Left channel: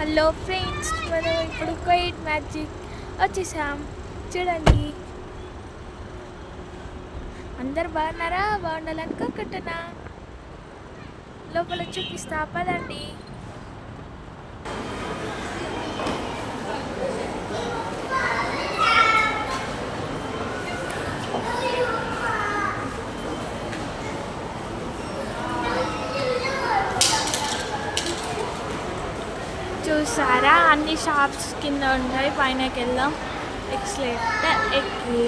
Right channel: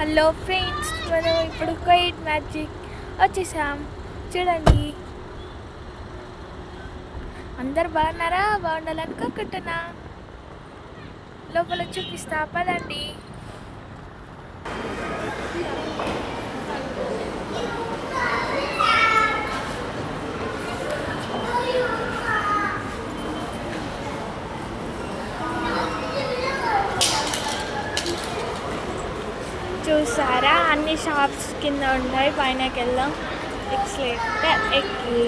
Hello friends, మనం ఇప్పుడు quiet magic వచ్చేసాం. చూడండి, అందరు బాగున్నారా? బాగుండాలనుకుంటున్నా. లోపల చూపిస్తా పదండి. చూసారా, అన్ని షాప్స్ కింద ఉంటాయి. పైనకి వెళ్దాం. ఎక్స్లేటర్ ఎక్కి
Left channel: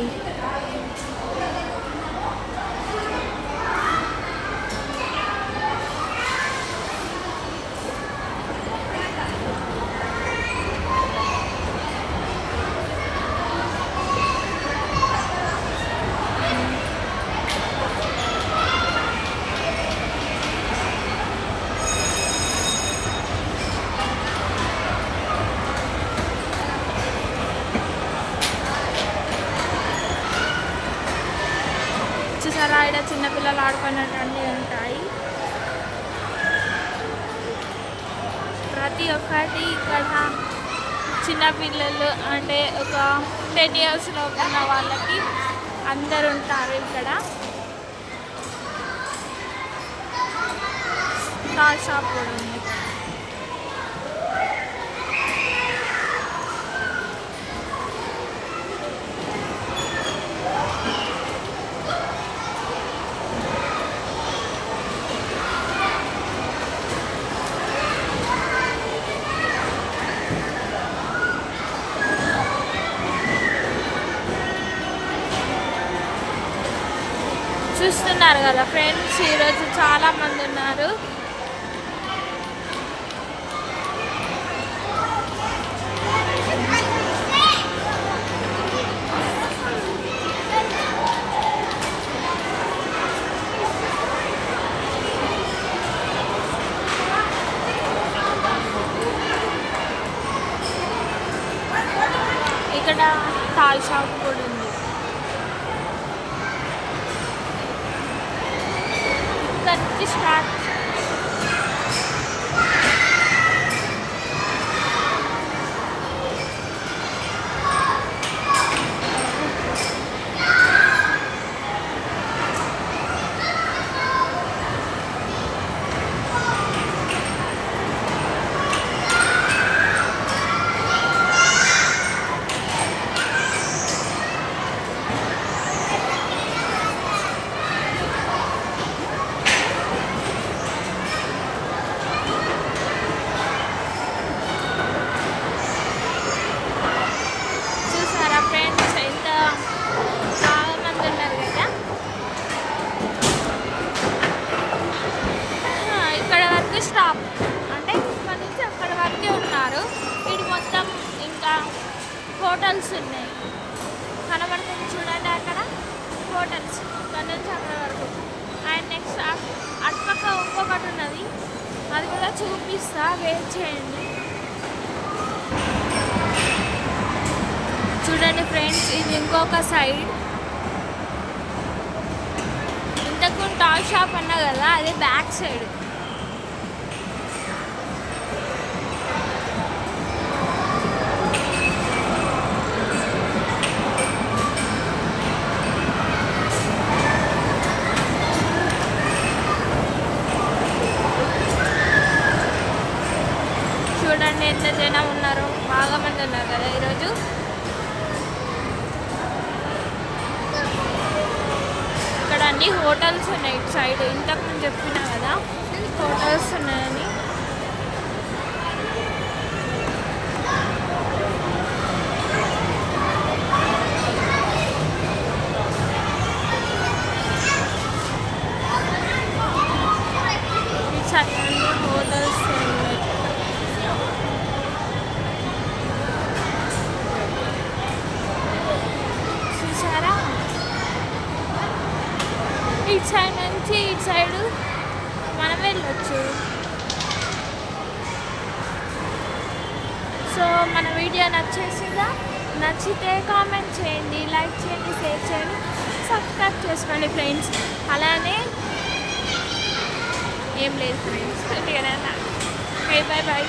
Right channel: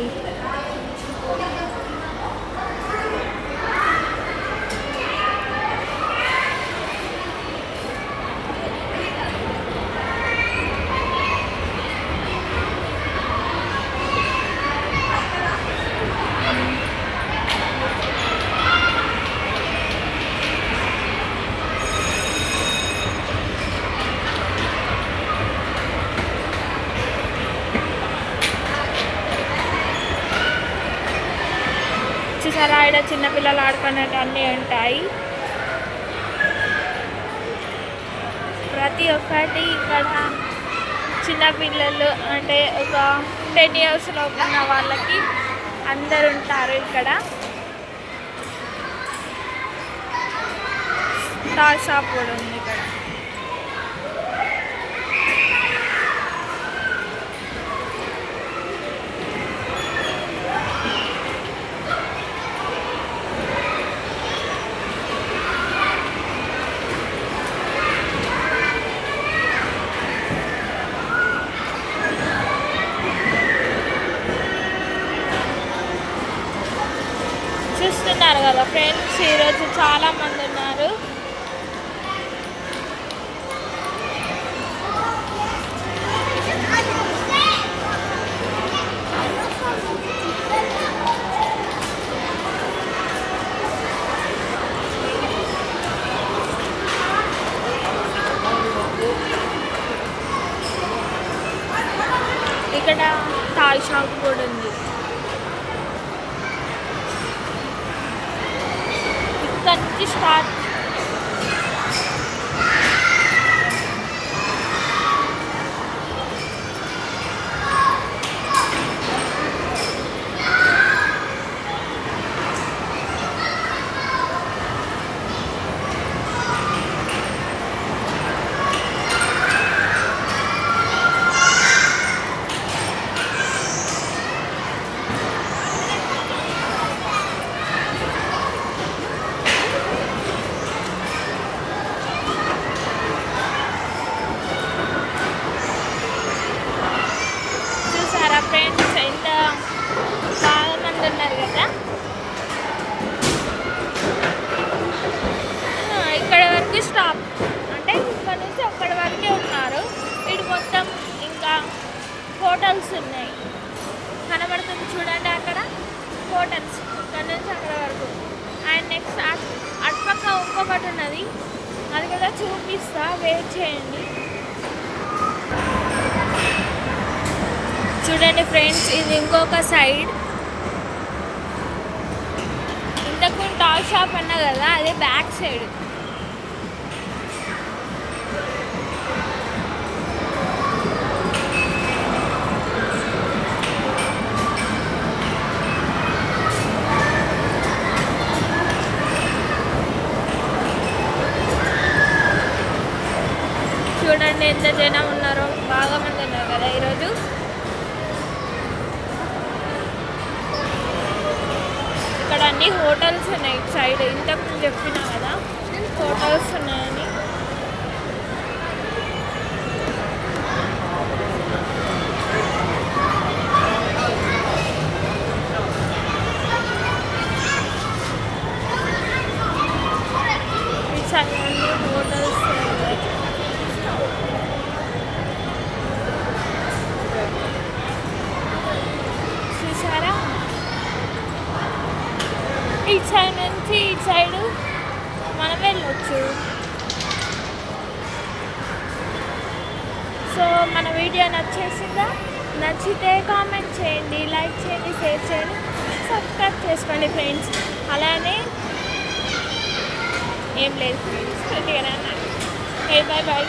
చూసారా, ఇక్కడ చిన్నపిల్లలు ఆడుకున్నట్టు అన్నీ ఉంటాయి. ప్రతి ఒక్కటి ఇక్కడ చిన్నపిల్లలు అంటే ఒక 10 years ఉన్న వాళ్ళకి అందరు ఉంటారు. ఇక్కడ టాయ్ షాప్ కూడా ఉంది. ఇక్కడ చూస్తున్నారు కదా ఫ్రెండ్స్, ఈరోజు చాలా మంది ఉన్నారు. ఇక్కడ టాయ్ షాప్ కూడా ఉంది. ఇక్కడ నుంచి స్టార్ట్. ఫ్రెండ్స్, ఎంత చాలా మంది ఉన్నారు కదా. ఇక్కడ వరకు స్టాప్ అంటే ఇక్కడ నుంచి అక్కడ వరకే ఉన్నారు. ఇటు మొత్తం ఇంకా హోటల్స్ ఉన్నాయి. కనబడుతుంది చూడండి, అక్కడ హోటల్స్. ఇక్కడ నుంచి అక్కడ వరకు. అండ్ నెక్స్ట్ అటుపక్క ఇంకొకటి ఉన్నది, అది కూడా చూపిస్తా, వెయిట్ చేయండి. చూడండి ఫ్రెండ్స్, ఇది ఇంకొక సైడ్. ఇంతకు టాయ్ షాప్ అన్నా కదా, అదే బ్యాక్ సైడ్. చూడండి ఎంత జనం ఉన్నారో, బాగా మంది ఉన్నారు కదా ఈరోజు. ఇక్కడ అన్ని హోటల్స్ ఉన్నాయి ఇటు సైడ్. ఇంతకు ముందు చెప్పినా కదా హోటల్స్ ఉన్నాయని. ఇటు సైడ్ అన్ని హోటల్స్ ఉన్నాయి. చూసారా, ఇటు సైడ్ నుంచి ఇటు సైడ్ మనం వెళ్ళొచ్చు. సో మన వీడియో నచ్చేసిందా? నచ్చితే కామెంట్ చేయండి, లైక్ చేయండి, షేర్ చేయండి, సబ్స్క్రైబ్ చేసుకోండి ఫ్రెండ్స్. అలానే ఏం లేదు ఫ్రెండ్స్, కొద్దిగా బాయ్ బాయ్.